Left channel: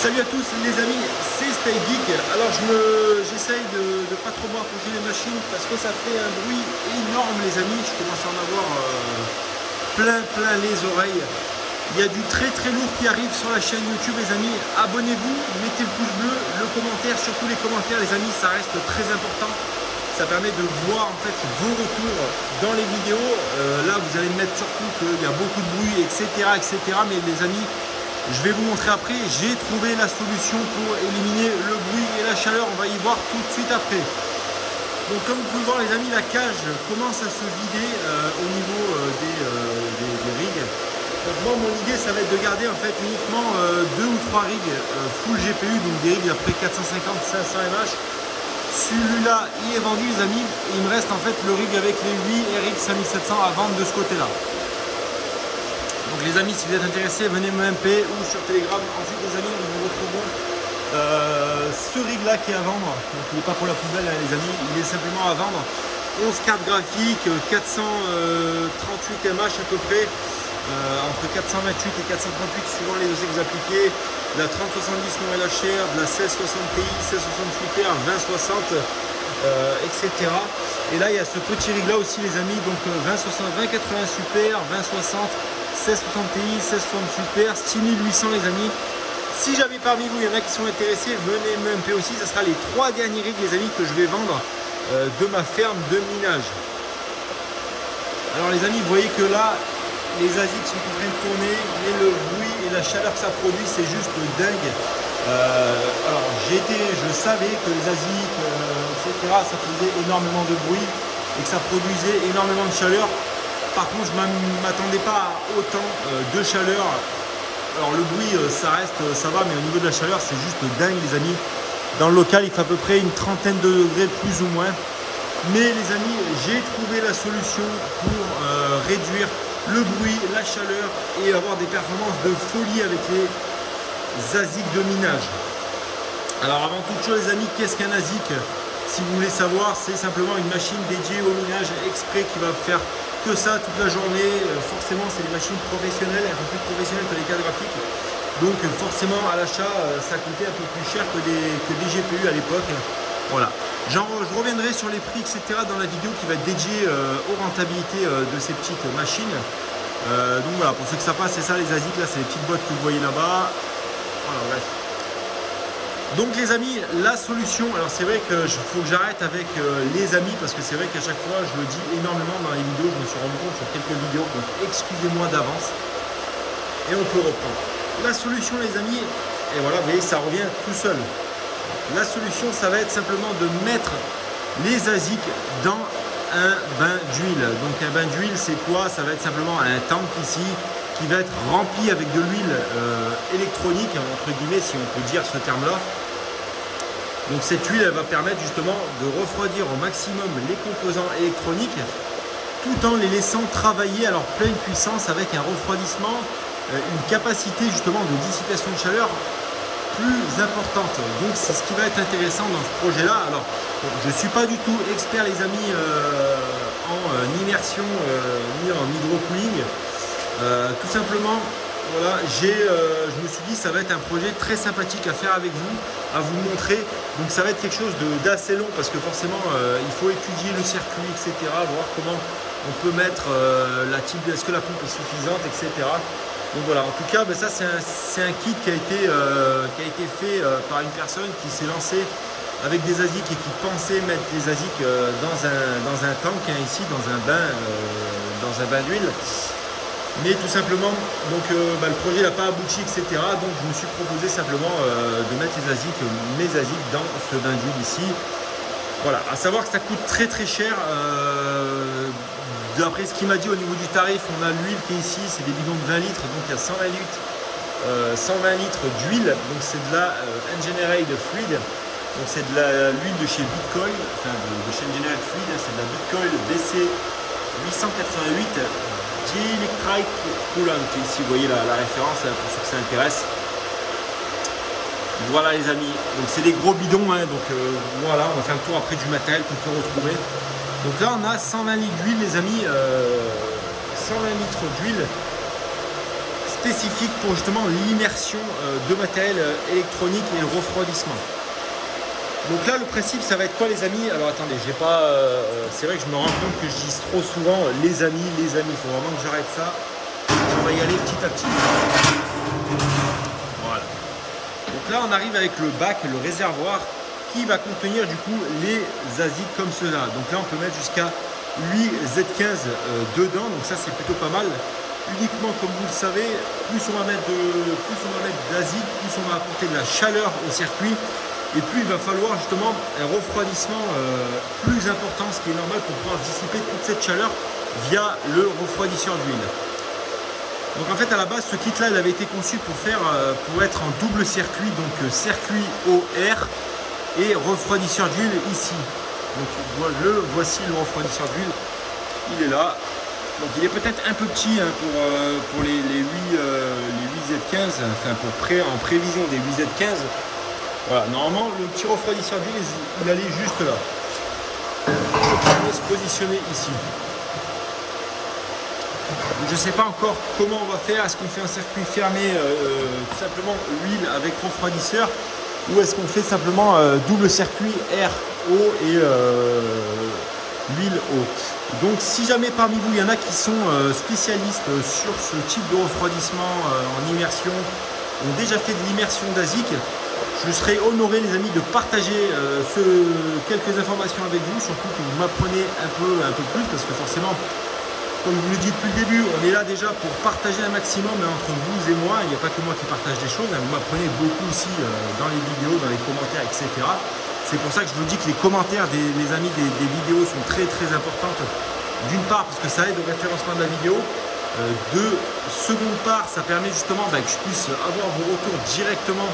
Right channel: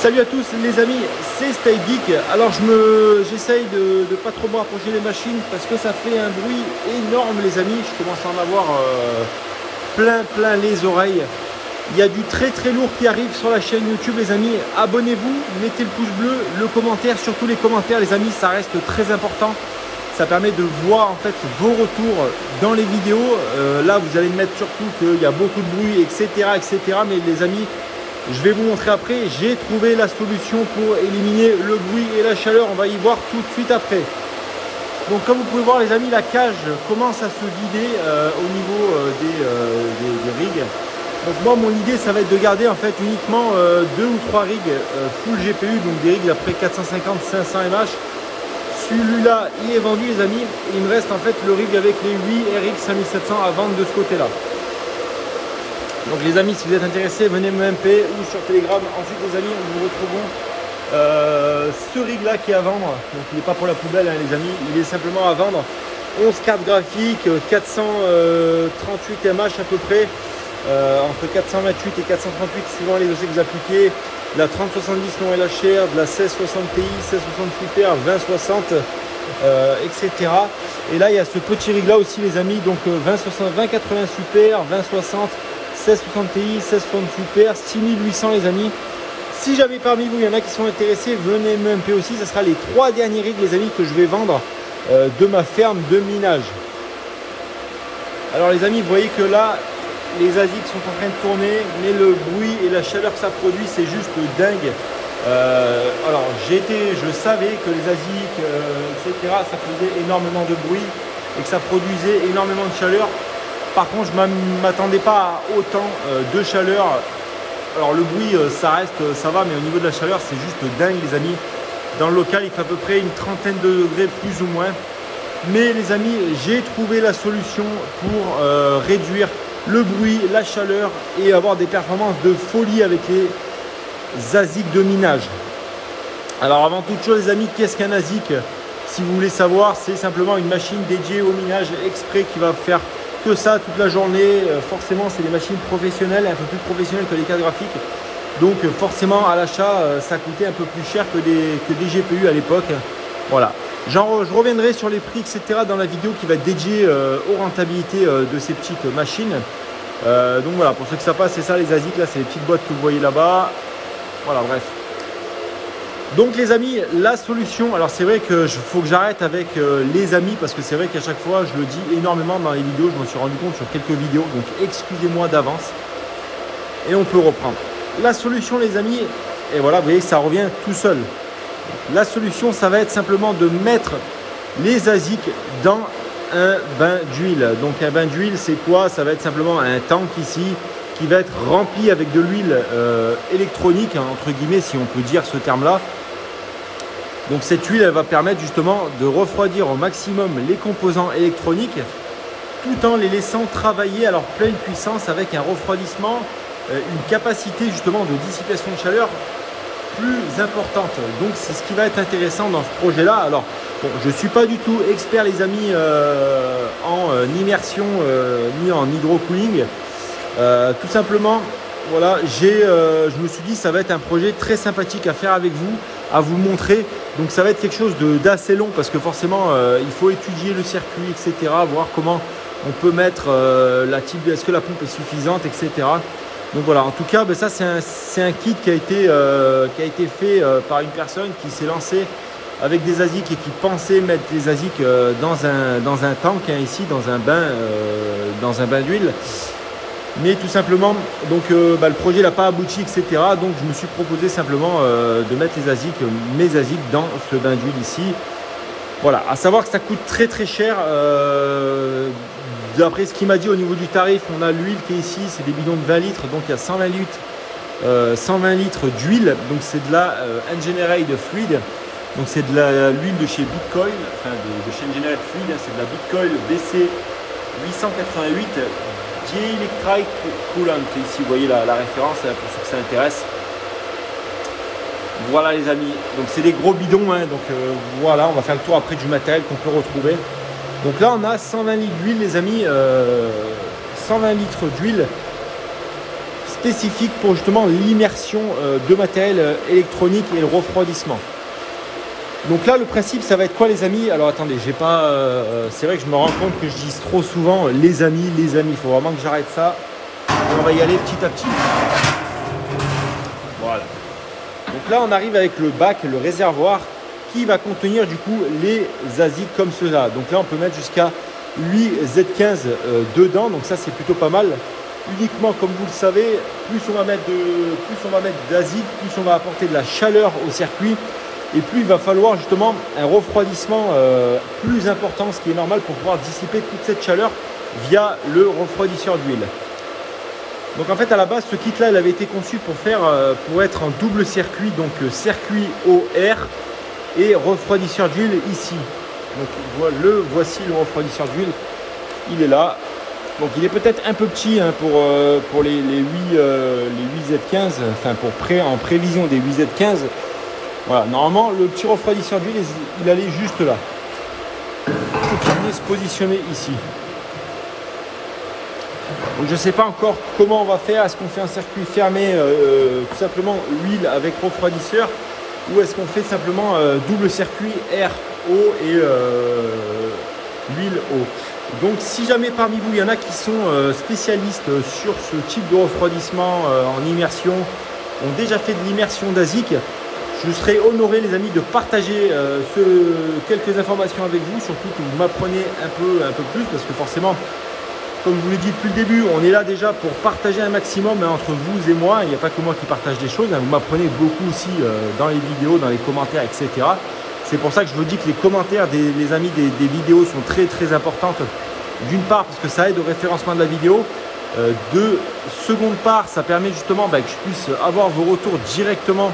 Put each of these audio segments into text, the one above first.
Salut à tous les amis, c'est StyleGeek. Alors j'essaye de pas trop m'approcher les machines parce que ça fait un bruit énorme les amis. Je commence à en avoir plein les oreilles. Il y a du très lourd qui arrive sur la chaîne YouTube les amis. Abonnez-vous, mettez le pouce bleu, le commentaire, surtout les commentaires les amis, ça reste très important. Ça permet de voir en fait vos retours dans les vidéos. Là vous allez me mettre surtout qu'il y a beaucoup de bruit, etc. Mais les amis, je vais vous montrer après. J'ai trouvé la solution pour éliminer le bruit et la chaleur. On va y voir tout de suite après. Donc comme vous pouvez voir les amis, la cage commence à se vider au niveau des rigs. Donc moi mon idée ça va être de garder en fait uniquement 2 ou 3 rigs full GPU, donc des rigs après 450-500 mAh. Celui-là il est vendu les amis, et il me reste en fait le rig avec les 8 RX 5700 à vendre de ce côté là. Donc les amis, si vous êtes intéressés, venez me MP ou sur Telegram. Ensuite les amis, nous nous retrouvons ce rig là qui est à vendre. Donc il n'est pas pour la poubelle hein, les amis, il est simplement à vendre. 11 cartes graphiques, 438 mAh à peu près, entre 428 et 438 suivant les dossiers que vous appliquez. De la 3070 non LHR, de la 1660 Ti, 1660 Super, 2060, etc. Et là il y a ce petit rig là aussi les amis, donc 2080 Super, 2060, 1660 Ti, 1660 Super, 6800 les amis. Si jamais parmi vous il y en a qui sont intéressés, venez me MP aussi. Ce sera les 3 derniers rigs les amis que je vais vendre de ma ferme de minage. Alors les amis, vous voyez que là les ASIC sont en train de tourner, mais le bruit et la chaleur que ça produit c'est juste dingue. Alors je savais que les ASIC etc ça faisait énormément de bruit et que ça produisait énormément de chaleur. Par contre, je ne m'attendais pas à autant de chaleur. Alors le bruit, ça reste, ça va, mais au niveau de la chaleur, c'est juste dingue les amis. Dans le local, il fait à peu près une trentaine de degrés plus ou moins. Mais les amis, j'ai trouvé la solution pour réduire le bruit, la chaleur et avoir des performances de folie avec les ASIC de minage. Alors avant toute chose les amis, qu'est-ce qu'un ASIC? Si vous voulez savoir, c'est simplement une machine dédiée au minage exprès qui va faire que ça toute la journée. Forcément c'est des machines professionnelles, un peu plus professionnelles que les cartes graphiques, donc forcément à l'achat ça coûtait un peu plus cher que des GPU à l'époque. Voilà, je reviendrai sur les prix etc dans la vidéo qui va être dédiée aux rentabilités de ces petites machines. Donc voilà, pour ceux que ça passe, c'est ça les ASIC là, c'est les petites boîtes que vous voyez là-bas. Voilà, bref. Donc les amis, la solution, alors c'est vrai que faut que j'arrête avec les amis parce que c'est vrai qu'à chaque fois je le dis énormément dans les vidéos, je me suis rendu compte sur quelques vidéos, donc excusez-moi d'avance et on peut reprendre. La solution les amis, et voilà, vous voyez ça revient tout seul. La solution ça va être simplement de mettre les ASIC dans un bain d'huile. Donc un bain d'huile c'est quoi? Ça va être simplement un tank ici qui va être rempli avec de l'huile électronique, hein, entre guillemets si on peut dire ce terme là. Donc cette huile elle va permettre justement de refroidir au maximum les composants électroniques tout en les laissant travailler à leur pleine puissance avec un refroidissement, une capacité justement de dissipation de chaleur plus importante. Donc c'est ce qui va être intéressant dans ce projet là. Alors bon, je ne suis pas du tout expert les amis en immersion ni en hydrocooling. Tout simplement, voilà, je me suis dit ça va être un projet très sympathique à faire avec vous, à vous montrer. Donc ça va être quelque chose d'assez long parce que forcément il faut étudier le circuit, etc. Voir comment on peut mettre est-ce que la pompe est suffisante, etc. Donc voilà, en tout cas, ben ça c'est un kit qui a été fait par une personne qui s'est lancée avec des ASIC et qui pensait mettre des ASIC dans un tank hein, ici, dans un bain d'huile. Mais tout simplement, donc le projet n'a pas abouti, etc. Donc je me suis proposé simplement de mettre mes ASIC dans ce bain d'huile ici. Voilà, à savoir que ça coûte très cher. D'après ce qu'il m'a dit au niveau du tarif, on a l'huile qui est ici, c'est des bidons de 20 litres, donc il y a 120 litres d'huile. Donc c'est de la Engineered Fluid. Donc c'est de l'huile de chez Bitcoil, enfin de chez Engineered Fluid, c'est de la Bitcoil BC 888. Electric Coolant, ici vous voyez la référence pour ceux que ça intéresse. Voilà les amis, donc c'est des gros bidons hein, donc voilà, on va faire le tour après du matériel qu'on peut retrouver. Donc là on a 120 litres d'huile les amis, 120 litres d'huile spécifique pour justement l'immersion de matériel électronique et le refroidissement. Donc là, le principe, ça va être quoi, les amis? Alors attendez, j'ai pas. C'est vrai que je me rends compte que je dis trop souvent les amis, les amis. Il faut vraiment que j'arrête ça. On va y aller petit à petit. Voilà. Donc là, on arrive avec le bac, le réservoir, qui va contenir du coup les ASIC comme cela. Donc là, on peut mettre jusqu'à 8 Z15 dedans. Donc ça, c'est plutôt pas mal. Uniquement, comme vous le savez, plus on va mettre d'ASIC, plus on va apporter de la chaleur au circuit. Et plus il va falloir justement un refroidissement plus important, ce qui est normal pour pouvoir dissiper toute cette chaleur via le refroidisseur d'huile. Donc en fait, à la base, ce kit là, il avait été conçu pour être en double circuit, donc circuit eau air et refroidisseur d'huile ici. Donc voici le refroidisseur d'huile, il est là. Donc il est peut-être un peu petit hein, pour les 8 Z15, enfin en prévision des 8 Z15. Voilà, normalement le petit refroidisseur d'huile, il allait juste là. Il allait se positionner ici. Donc je ne sais pas encore comment on va faire. Est-ce qu'on fait un circuit fermé, tout simplement huile avec refroidisseur, ou est-ce qu'on fait simplement double circuit air, eau et huile, eau. Donc si jamais parmi vous il y en a qui sont spécialistes sur ce type de refroidissement en immersion, ont déjà fait de l'immersion d'ASIC, je serais honoré, les amis, de partager quelques informations avec vous, surtout que vous m'apprenez un peu plus, parce que forcément, comme je vous l'ai dit depuis le début, on est là déjà pour partager un maximum hein, entre vous et moi. Il n'y a pas que moi qui partage des choses, hein. Vous m'apprenez beaucoup aussi dans les vidéos, dans les commentaires, etc. C'est pour ça que je vous dis que les commentaires des amis des vidéos sont très très importantes. D'une part, parce que ça aide au référencement de la vidéo. De seconde part, ça permet justement que je puisse avoir vos retours directement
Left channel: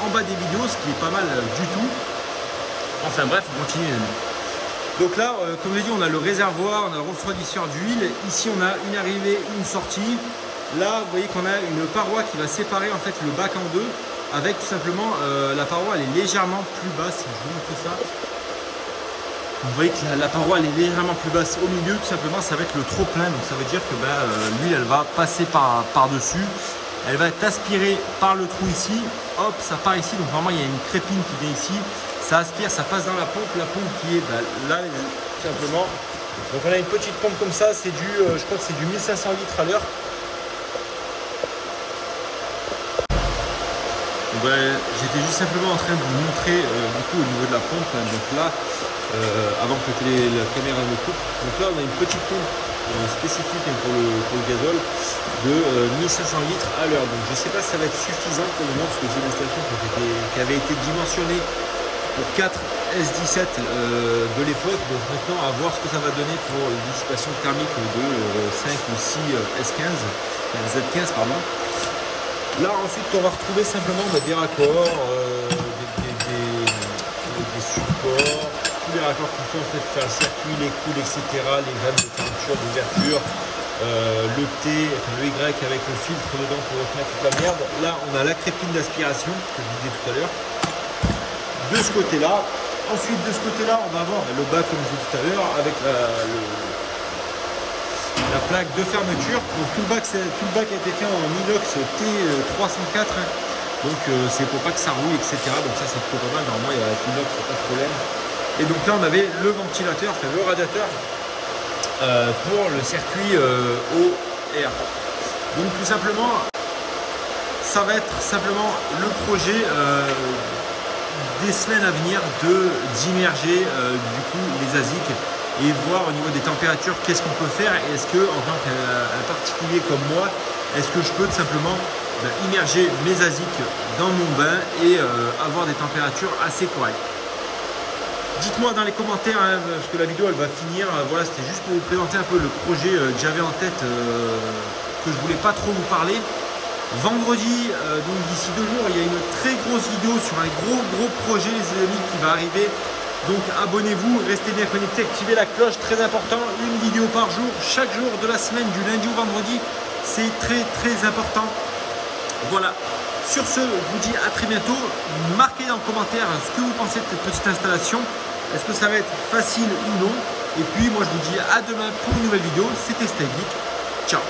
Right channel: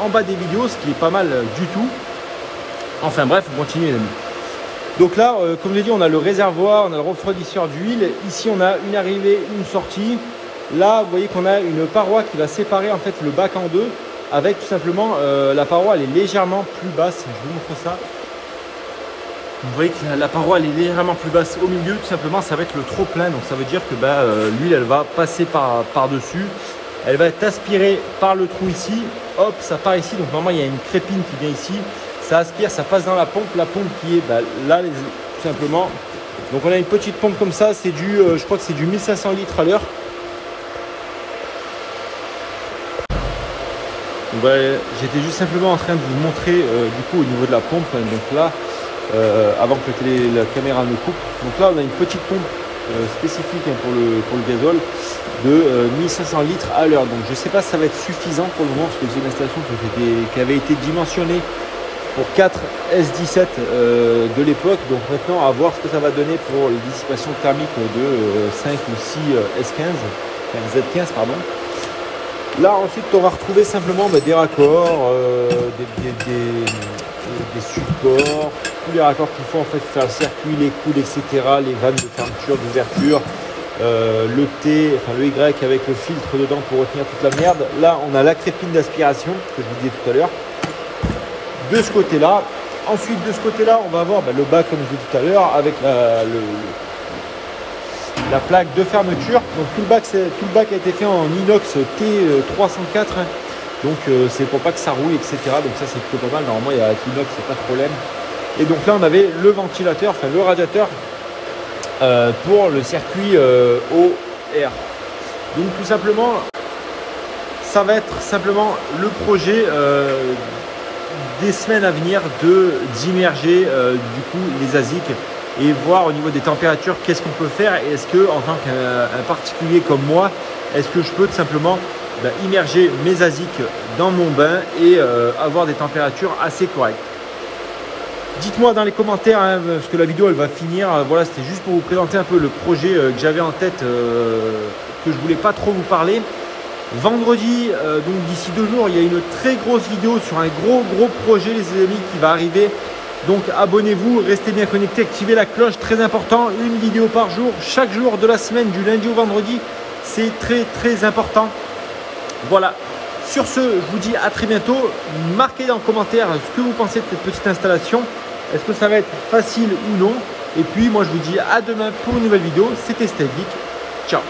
en bas des vidéos, ce qui est pas mal du tout. Enfin bref, on continue les amis. Donc là, comme je l'ai dit, on a le réservoir, on a le refroidisseur d'huile. Ici, on a une arrivée, une sortie. Là, vous voyez qu'on a une paroi qui va séparer en fait le bac en deux, avec tout simplement la paroi, elle est légèrement plus basse. Je vous montre ça. Vous voyez que la paroi, elle est légèrement plus basse au milieu. Tout simplement, ça va être le trop plein. Donc ça veut dire que l'huile, elle va passer par-dessus. Elle va être aspirée par le trou ici, hop, ça part ici. Donc normalement, il y a une crépine qui vient ici. Ça aspire, ça passe dans la pompe qui est là, tout simplement. Donc on a une petite pompe comme ça, c'est du, je crois que c'est du 1500 litres à l'heure. J'étais juste simplement en train de vous montrer du coup au niveau de la pompe. Hein, donc là, avant que la caméra me coupe. Donc là, on a une petite pompe spécifique hein, pour le gazole de 1500 litres à l'heure. Donc je ne sais pas si ça va être suffisant pour le moment, parce que c'est une installation qui avait été dimensionnée pour 4 S17 de l'époque. Donc maintenant, à voir ce que ça va donner pour la dissipation thermique de 5 ou 6 S15, Z15 pardon. Là ensuite, on va retrouver simplement des raccords, des supports, tous les raccords qu'il faut en fait faire le circuit, les coudes, etc., les vannes de fermeture, d'ouverture, le T, enfin le Y avec le filtre dedans pour retenir toute la merde. Là, on a la crépine d'aspiration que je vous disais tout à l'heure. De ce côté-là. Ensuite, de ce côté-là, on va avoir le bac, comme je disais tout à l'heure, avec la plaque de fermeture. Donc tout le bac a été fait en inox T304. Donc c'est pour pas que ça rouille, etc. Donc ça, c'est plutôt pas mal. Normalement, il y a l'inox, c'est pas de problème. Et donc là, on avait le ventilateur, enfin le radiateur pour le circuit eau air. Donc tout simplement, ça va être simplement le projet des semaines à venir d'immerger du coup les ASIC et voir au niveau des températures qu'est-ce qu'on peut faire, et est-ce que en tant qu'un particulier comme moi, est-ce que je peux tout simplement immerger mes ASIC dans mon bain et avoir des températures assez correctes. Dites-moi dans les commentaires, hein, parce que la vidéo elle va finir. Voilà, c'était juste pour vous présenter un peu le projet que j'avais en tête, que je voulais pas trop vous parler. Vendredi, donc d'ici 2 jours, il y a une très grosse vidéo sur un gros projet, les amis, qui va arriver. Donc abonnez-vous, restez bien connectés, activez la cloche, très important. Une vidéo par jour, chaque jour de la semaine, du lundi au vendredi. C'est très important. Voilà. Sur ce, je vous dis à très bientôt. Marquez dans le commentaire ce que vous pensez de cette petite installation. Est-ce que ça va être facile ou non? Et puis moi je vous dis à demain pour une nouvelle vidéo. C'était StyleGeek. Ciao.